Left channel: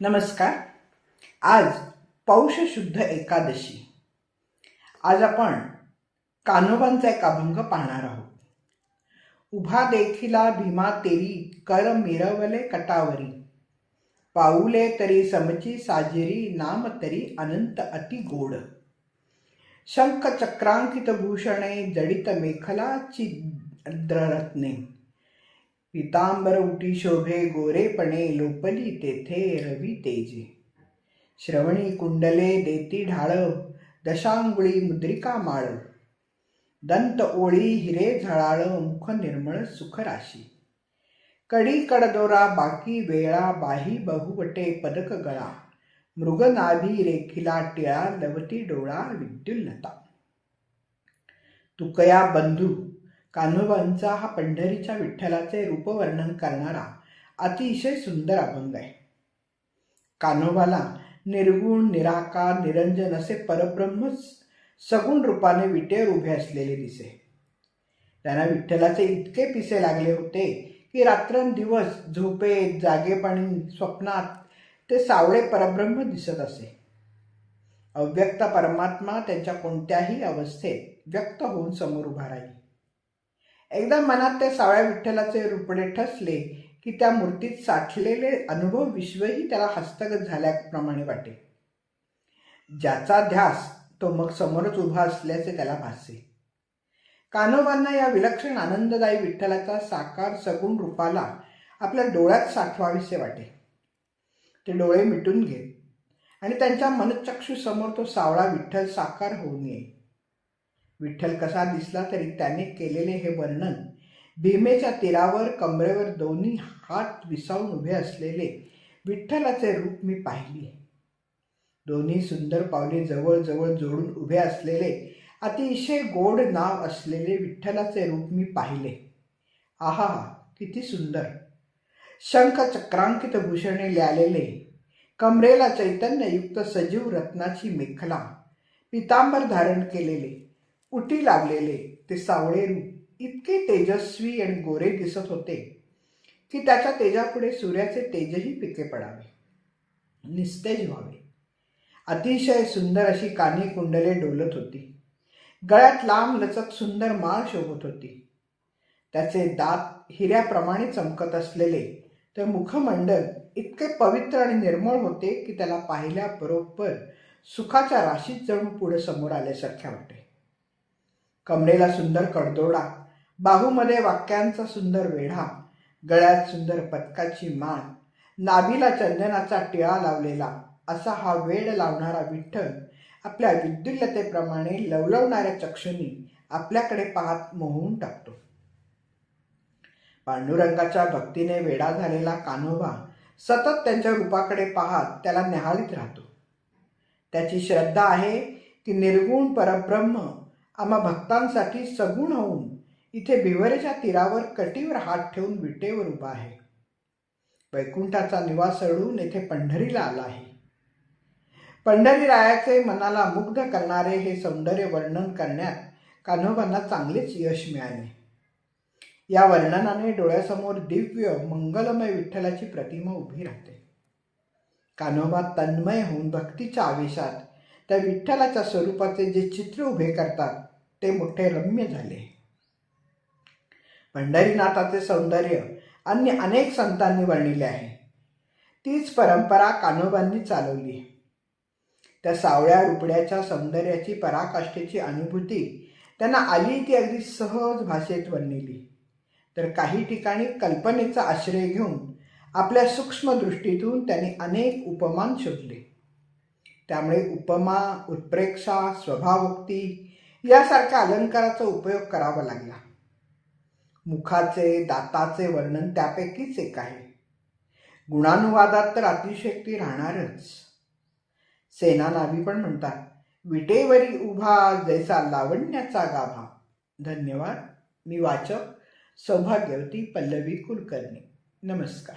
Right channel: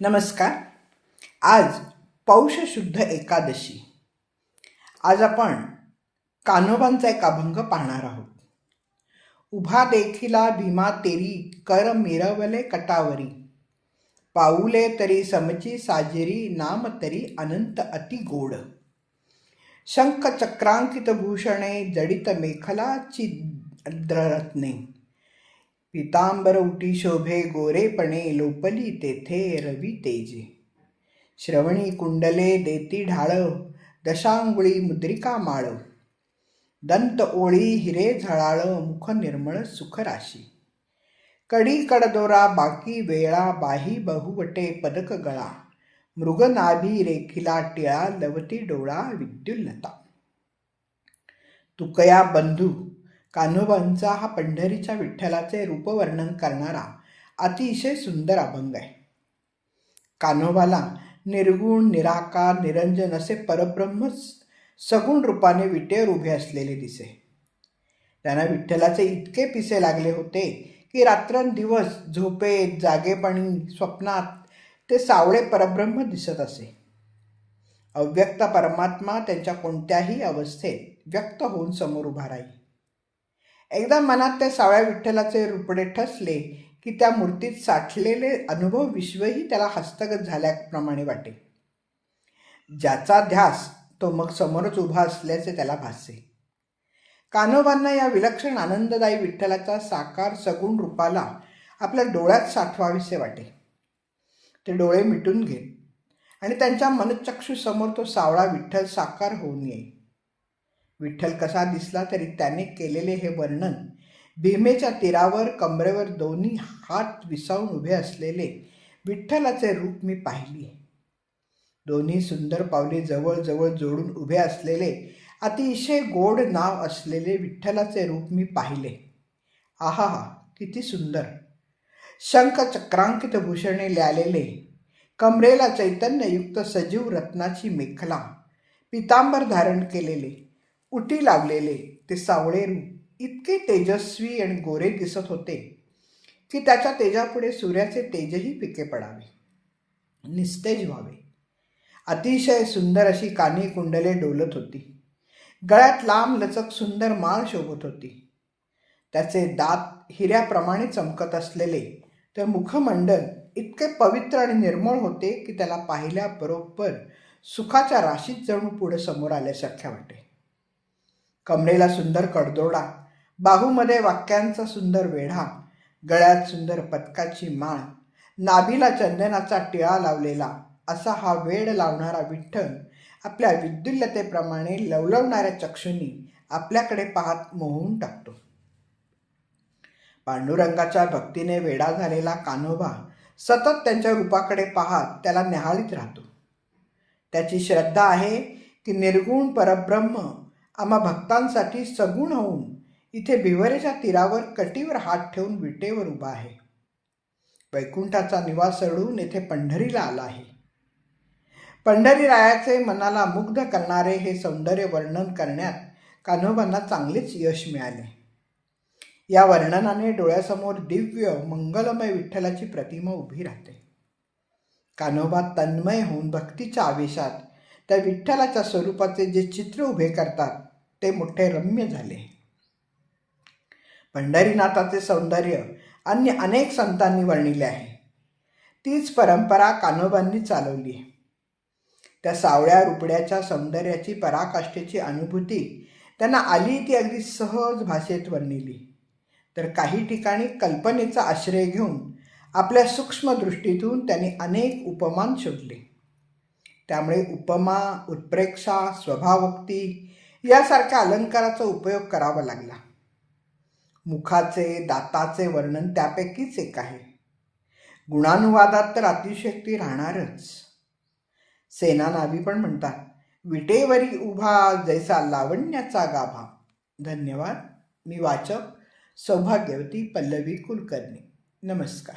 नमस्कार. आज पौष शुद्ध एकादशी. आज आपण कान्होबांचा एक अभंग पाहणार आहोत. उभा देखिला भीमा तेरी कर मिरवले कटावरी. पाऊले तरी समची साजेरी नाम तरी अनंत अति गोड. शंख चक्रांकित भूषणे जडित मेखलाची द्ररत्ने पितांबर उटी शोभे गोरेपणे लोपली तेथे रवी तेजे. श्रवणी कुंडले देती ढाळ दशांगुळी मुद्रिका माळ. दंत ओळी हिरे झळाळ मुख निर्मळ सुखराशी. कडी कडदोरा बाकी वेळा बाही बहुवटे पदक गळा. मृगनाभी रेखिला टिळा लवती डोळा विद्युल्लता तुकया बंधू कान्होबांचा हा पंढरीच्या विठ्ठलाचे रूपवर्णन करणारा अतिशय सुंदर अभंग आहे. कान्होबाला निर्गुण निराकार निरंजन असे परब्रह्म सगुण रूपाने विटेवर उभे असलेले दिसे. त्यांना विठ्ठलाचे इतके पिसे लागले होते की रात्रंदिवस झोपेत जागेपणी स्वप्नात ते सावळे परब्रह्म दिसत असे. अव्यक्त परमात्मा त्यांच्या कोणत्याही अवस्थेत व्यक्त होऊन समोर उभा राहील एकदा मनात त्या सावळ्या विठ्ठलाचे रुपडे ठसले की त्या मूर्तीत साठलेले अनुभव विश्वही त्याला हस्तगत झाल्याप्रमाणे वाटे. ज्याचा ध्यास तो मग समोरच उभा असल्याचे त्याला भासे. कान्होबांना या विलक्षण आनंददायी विठ्ठलाचा साकार सगुण रूपाला आपल्या डोळ्यात साठवावेसे वाटे. ते डोळे मिटून घे आणि त्यांच्या मनचक्षूसमोर तो सावळा विठ्ठल साकार होऊन येईल. विठ्ठल कसा दिसला तरी त्याने केलेले हे वर्णन भीमेच्या तीरावर कमरेवर दोन्ही हात विसावून उभे असलेले विठ्ठलाचे रूप मी पाहिली दोन्ही सुंदर पावले जवळजवळ जोडून उभे असलेले अतिशय गोड नाव असलेले विठ्ठलाचे रूप मी पाहिले. आहा किती सुंदर! शंख चक्रांकित भूषणे ल्यालेले कमरेला चैतन्ययुक्त सजीव रत्नाची मेखला पितांबर धारण केलेले उटी लावलेले ते सावळेरू इतके तेजस्वी आणि गोरे दिसत होते की त्याच्या तेजापुढे सूर्याचे तेजही पिके पडावे निस्तेज व्हावे. अतिशय सुंदर अशी कानी कुंडले डोलत होती. गळ्यात लांब लचक सुंदर माळ शोभत होती. त्याचे दात हिऱ्याप्रमाणे चमकत असलेले तर मुखमंडल इतके पवित्र आणि निर्मळ होते की त्याला पाहिल्याबरोबर सुखाच्या राशीत जणू पुढे समोर आल्यासारख्या वाटे कमरेला सुंदर कडदोडा बाहूमध्ये वाक्यांचा सुंदर वेढा गळ्यात सुंदर पदकाची माळ नाभीला चंदनाचा टिळा लावलेला असा हा वेड लावणारा विठ्ठल आपल्या विद्युल्यतेप्रमाणे लवलवणाऱ्या चक्षुनी आपल्याकडे पाहत मोहून टाकतो. पांडुरंगाच्या भक्तीने वेडा झालेला कान्होबा सतत त्यांच्या रूपाकडे पाहत त्याला निहाळीत राहतो. त्याची श्रद्धा आहे की निर्गुण परब्रह्म आम्हा भक्तांसाठी सगुण होऊन इथे भिवरेच्या तीरावर कटीवर हात ठेवून विटेवर उभा आहे. वैकुंठाचा निवास सोडून येथे पंढरीला आला आहे. पंढरी रायाचे मनाला मुग्ध करणारे हे सौंदर्य वर्णन करण्यात कान्होबांना चांगलेच यश मिळाले. या वर्णनाने डोळ्यासमोर दिव्य मंगलमय विठ्ठलाची प्रतिमा उभी राहते. कान्होबा तन्मय होऊन भक्तीच्या आवेशात त्या विठ्ठलाच्या स्वरूपाचे जे चित्र उभे करतात ते मोठे रम्य झाले. पंढरीनाथाचे सौंदर्य अन्य अनेक संतांनी वर्णिले आहे. तीच परंपरा कान्होबांनी चालवली. त्या सावळ्या रुपड्याच्या सौंदर्याची पराकाष्ठेची अनुभूती त्यांना आली ती अगदी सहज भाषेत वर्णिली. तर काही ठिकाणी कल्पनेचा आश्रय घेऊन आपल्या सूक्ष्म दृष्टीतून त्यांनी अनेक उपमान शोधले. त्यामुळे उपमा उत्प्रेक्षा स्वभावोक्ती यासारख्या अलंकाराचा उपयोग करावा लागला. मुखाचे दाताचे वर्णन त्यापैकीच एक आहे. गुणानुवादात तर अतिशयक्ती राहणारच. सेना नावी पण म्हणतात विटेवरी उभा जैसा लावण्याचा गाभा. धन्यवाद. मी वाचक सौभाग्यवती पल्लवी कुलकर्णी. नमस्कार.